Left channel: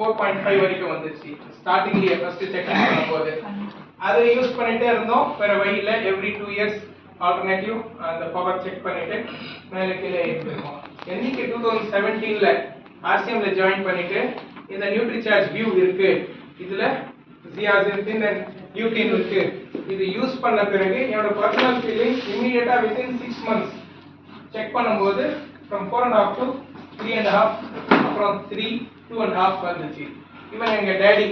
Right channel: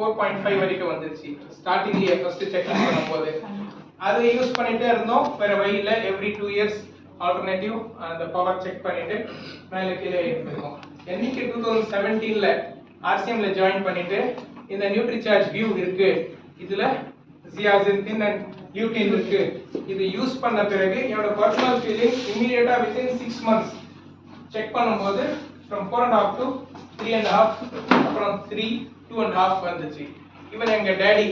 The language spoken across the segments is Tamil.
4.5 வரைக்கும் வந்துச்சு ஸ்டார்டிங்லயே ஃபர்ஸ்ட் செக் பண்ணும்போது. அதை யூஸ் பண்ணிட்டே இருந்தோம், வேற வழியில எவ்ரி 2 இயர்ஸ் ஆல்டர்னேட்டிவ் அந்த பவர் செக் பண்ணிட்டு மேலே கீழே ஏற்றிருக்கோம். என்னைக்கு 2017ல ஆர்சிஎம்ல ஜாயின் பண்ணிட்டு இந்த நியூட்ரிசார்ஜ் வியூ இருக்கு, இதுல ஜியாசின் அண்ட் லியூட்டின் இருக்கு, இது யூஸ் பண்ண பிறகு என்னோட பர்சனல் ஃபீலிங் இமிடியேட்டா வித்தின் 6 months செக் பண்ணும்போது from 4.5 to 3.5 அப்புறம் 3 2.5 வந்துச்சு. ஈவன் எங்க டேடி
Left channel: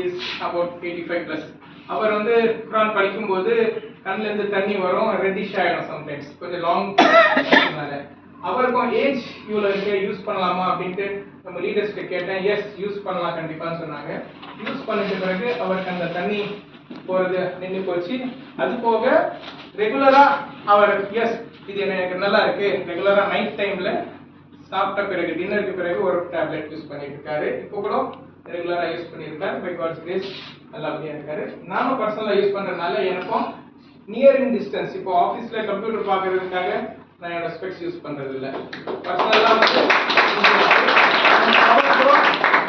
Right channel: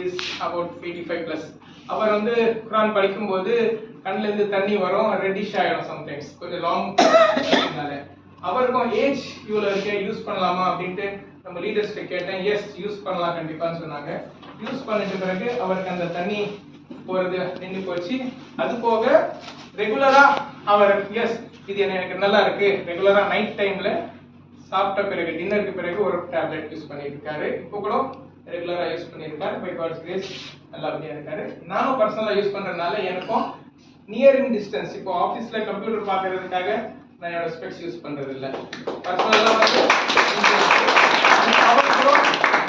இஸ் about 85 plus. அவர் வந்து குரான் படிக்கும்போது கண்ணுல இருந்து தண்ணி வரும், ரெட்டிஷ் ஆயிடும் சம்டைம்ஸ், கொஞ்சம் லாங். அவருக்கும் ஏஜ் இவ்வளோ இருக்கு, யூஸ் பண்ணலாமா அப்படின்ட்டு நம்ம லீடர்ஸ்கிட்ட கேட்டேன். எஸ் யூஸ் பண்ணலாம் கண்டிப்பான்னு சொன்னாங்க. யூஸ் பண்ணிட்ட பிறகு அவருக்கு அந்த தண்ணி போறது நின்று போச்சு. அது போக ரெகுலரா அவர் எஸ் இது எனக்கு நல்லா இருக்கு, ரெகுலரா நைட் டைம்ல சாப்பிட்ட பிறகு டின்னருக்கு பிறகு ஒரு டேப்லெட் யூஸ் பண்ணிட்டு இருக்காரு. இப்போ கூட ரெகுலரா யூஸ் பண்ணியிருக்காரு. பை காட்ஸ் கிரேஸ் நல்லபடியா இருக்காரு. நானும் பர்சனலா யூஸ் பண்றதுனால எனக்கும் நியர் இன் டிஸ்டன்ஸ், இப்போ ஆஃபீஸ்ல கம்ப்யூட்டர் பார்க்கறதுக்காக நான் என்னோட ஸ்பெக்ஸ் யூஸ் பண்றது இல்லை. பர்சனலா வந்து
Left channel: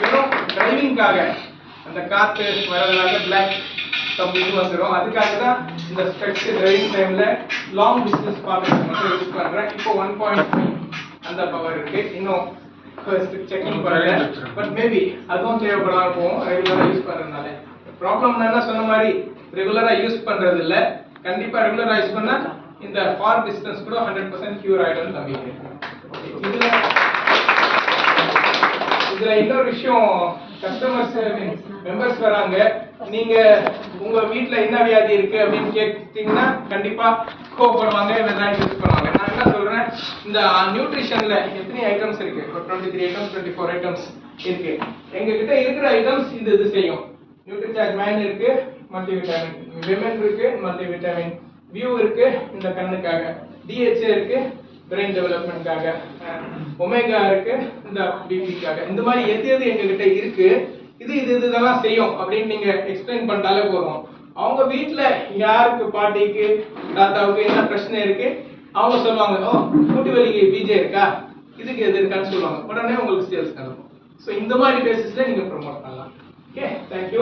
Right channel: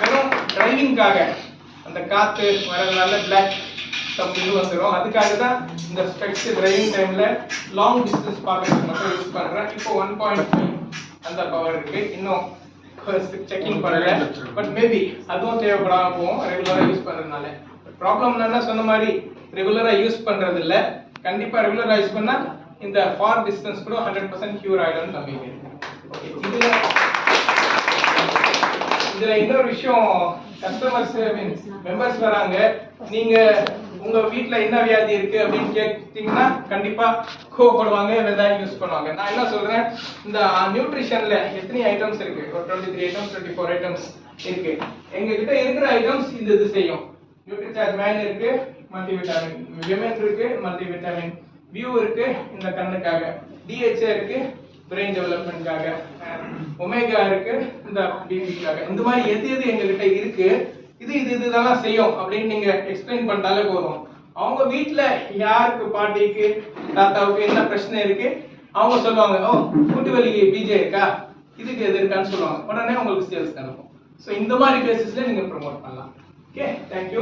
வெறும் டிரைவிங்காக அந்த காத்து வரதுனால பிளாக் கம்பெனி வந்துடும், அதுக்காக தான் இந்த ஸ்பெக்ஸ் டிரைவிங் டைம்ல லாங் டிஸ்டன்ஸ் பார்க்கறதுக்கு மட்டும் யூஸ் பண்றேன். இப்போ 1.5 அந்த பவர் இருக்கு, இன்னும் செக்கிங் பண்ணல. பட் மேபி அதுவும் தேவைப்படாம போகும் ரெகுலரா யூஸ் பண்றதுனால. ப்ராப்ளம் என்ன சொன்ன மாதிரி ரெகுலரா யூஸ் பண்றது இல்ல, கண்டிப்பா ரெகுலரா யூஸ் பண்ணா இந்த ஃபார் டிஸ்டன்ஸ் கூட 100% கியூர் ஆயிடும் நம்பிக்கை. இதுல இன்னொரு விஷயம், கஸ்டமர்ஸ் மெம்பர்ஸ் வராங்க, நீங்க உங்க வீட்ல என்ன வியாதி இருக்கு அப்படின்னு கேட்டீங்கன்னா கண்டிப்பா கோவப்படுவாங்க, வெதாய் யூஸ் பண்ணுவாங்க. நான் என்ன சொல்றேன், இந்த நியூட்ரிஷன்ல எத்தனை ஐட்டம்ஸ் இருக்கு, 23 ஐட்டம்ஸ் 24 ஐட்டம்ஸ் இருக்கு. எங்க கிட்ட இருக்கிற ஐட்டம்ஸ் இது செய்யும். நியூட்ரிசார்ஜ் மேன் இருக்கு, மல்டி விட்டமின், விமென் இருக்கு, மல்டி விட்டமின், வியூ இருக்கு இந்த கண்ணுக்காக, டிஹெச்ஏ இருக்கு பிரெயின் டெவலப்மெண்ட்காக, ஒமேகா இருக்கு இந்த பிபிக்காக. இந்த மாதிரி எது எங்க கிட்ட இருக்கு, இதெல்லாம் செய்யும் அப்படின்னு நீங்க எக்ஸ்பிளைன் பண்ணிட்டாலே போதும். அவங்க வீட்டுல யாருக்கு பாட்டிக்கு தாத்தாவுக்கு என்ன பிரச்சனை இருக்கு அவங்க சொல்லுவாங்க, ஓ மூட்டு வலிக்கு பிஜே இருக்கா, இதுக்கு எது இருக்கான்னு சொல்லுவாங்க, உடனே உங்களுக்கு சேல்ஸ் நடக்கும். ஸோ இந்த மாதிரி பேசிஸ்ல நீங்க ப்ரொமோட் பண்ணலாம். Okay, thank you.